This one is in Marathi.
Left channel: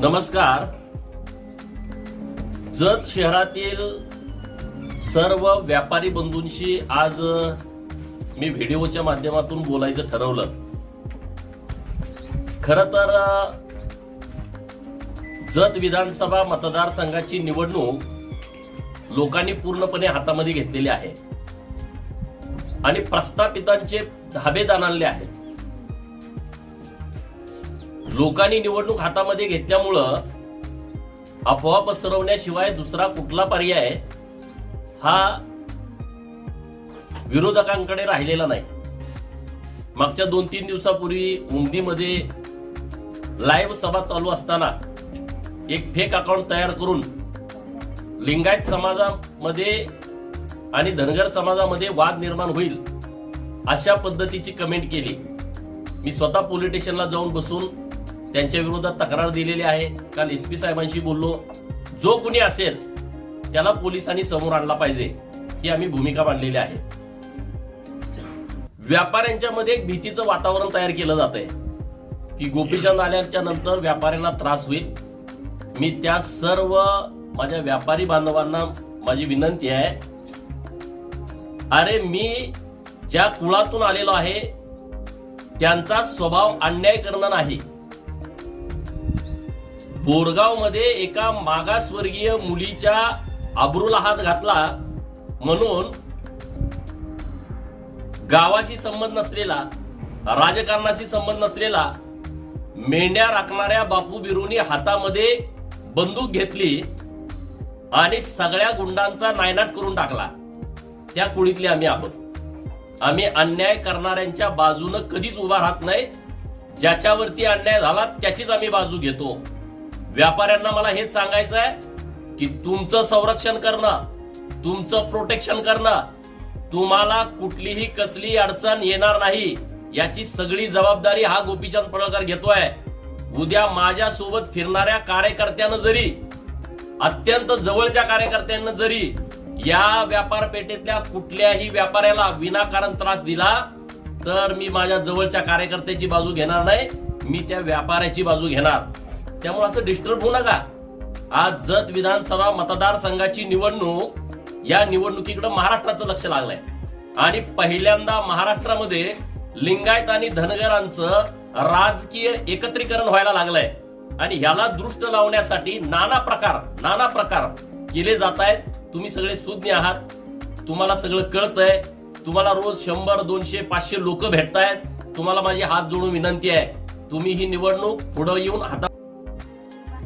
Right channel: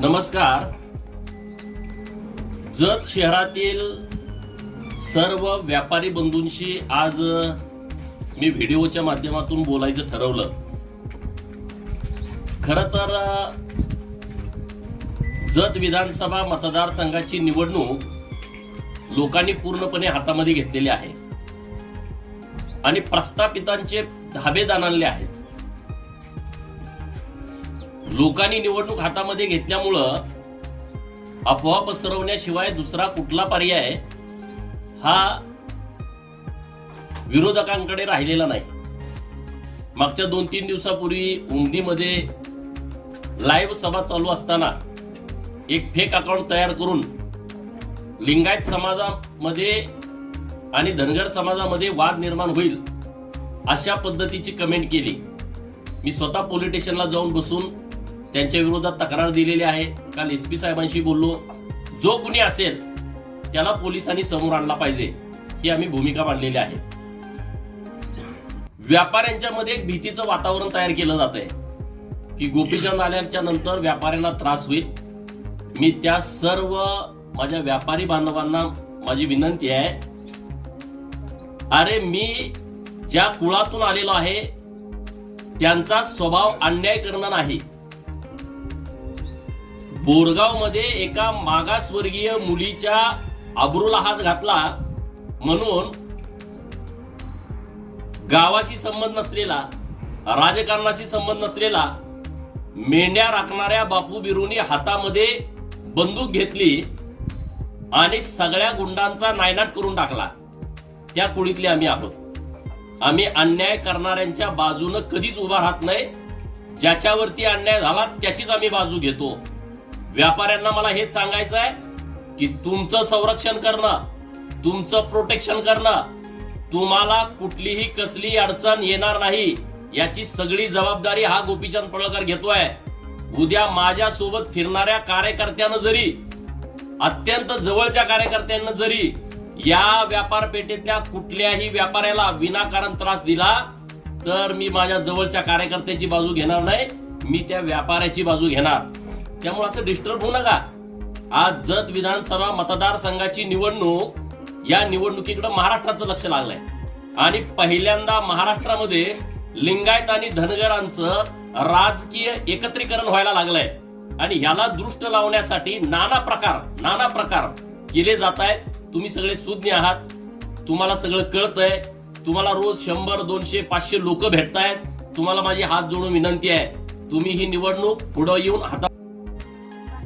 नमस्कार. जत शहरातील सर्व व्यापारी बंधूंशी आज मी व्हिडिओच्या माध्यमातून बोलायचं ठरवलं. खर तर जत विधानसभा मतदारसंघाची निवडणूक लोकांनी पूर्णपणे हातामध्ये घेतलेली आहे. आणि प्रस्थापितांचे धाबेदान आणले आहेत. लोकांनी निवडणूक हातामध्ये घेतल्यामुळं अफवा पसरवण्याशिवाय दुसरा कुठला पर्याय हा विरोधकांकडे राहिलेला नाही. मागच्या दोन तीन दिवसापूर्वी उमदीमध्ये लाईव्ह सभा चालू असताना एक फेक अकाउंट तयार करून लिंगायत समाजामध्ये आणि धनगर समाजामध्ये वाद निर्माण होईल अशा पद्धतीची कमेंट केली. मी स्वतः पोलीस स्टेशनला जाऊन बसून त्यांच्या विरोधात तक्रार दिलेली आहे. काल एस पी साहेबांशी बोललो. जो कुणी असेल त्याला पोलिसांनी समोर आणला पाहिजे. ही आम्ही भूमिका मांडलेली आहे. व्यापाऱ्यांच्या मध्ये एक भीतीचं वातावरण तयार केलं जात आहे की गोपीचंद आल्याच्यानंतर व्यापाऱ्यांना त्रास होईल. मी त्या सर्व माझ्या व्यापारी बांधवांना माझी विनंती आहे. अरे मी ज्या कुळातून आलेलो आहे त्यांचा स्वभाव अन्याय करणं नाही. बोरगावमध्ये एका मागासवर्गीय मुलीच्या आबरूला हात घातला म्हणून गावाशी संबंध नसलेला राजकारणाशी संबंध नसलेला मेंढ्या राखणाऱ्या बापू बिरूनी हातामध्ये बंदूक घेतली आणि सगळ्या गुंडांचा नायनाट करून टाकला. त्या कुळीतले आम्ही आहोत. आम्ही अन्याय करणाऱ्यांच्या बाजूनं कधीच उभा राहत नाही. ज्याच्यावरती अन्याय झाला त्याचीच आम्ही बाजू घेतो. व्यापाऱ्यांना मला हेच सांगायचं आहे की तुमचं संरक्षण करणं तुमचं प्रोटेक्शन करणं तुम्हाला कुठलीही कसली अडचण येणार नाही याची सगळी जबाबदारी हा गोपीचंद पडळकर घेतोय. उद्या माझ्या सोबत फिरणाऱ्या कार्यकर्त्यानं जरी अत्यंत जवळच्या कार्यकर्त्यांना जरी या व्यापार पेठेतल्या कुठल्याही व्यापाऱ्याला विनाकारण त्रास दिला तर मी माझ्या जवळच्या कार्यकर्त्याची बाजू घेणार नाही मी त्या व्यापाऱ्याची बाजू घेणार. त्यामुळे असं डिस्टर्ब होऊ नका. आज जत विधानसभा मतदारसंघाची निवडणूक या निवडणुकीकडे महाराष्ट्राचं लक्ष लागलंय. आणि पहिल्यांदा महाराष्ट्रामध्ये लिंगायत आणि धनगरांचं राजकीय एकत्रीकरण व्हायला लागलंय. आणि ह्याला दृष्ट लावण्यासाठी नाना प्रकार नाना प्रकार केले जात आहेत तुम्ही सगळे सुज्ञ आहात. तुम्हाला सगळं कळतंय. तुम्हाला रोज शंभर दोनशे पाचशे लोक भेटतायत. तुम्हाला माझी हात जोडून विनंती आहे. तुम्ही ही निवडणूक पुढे येऊन हाता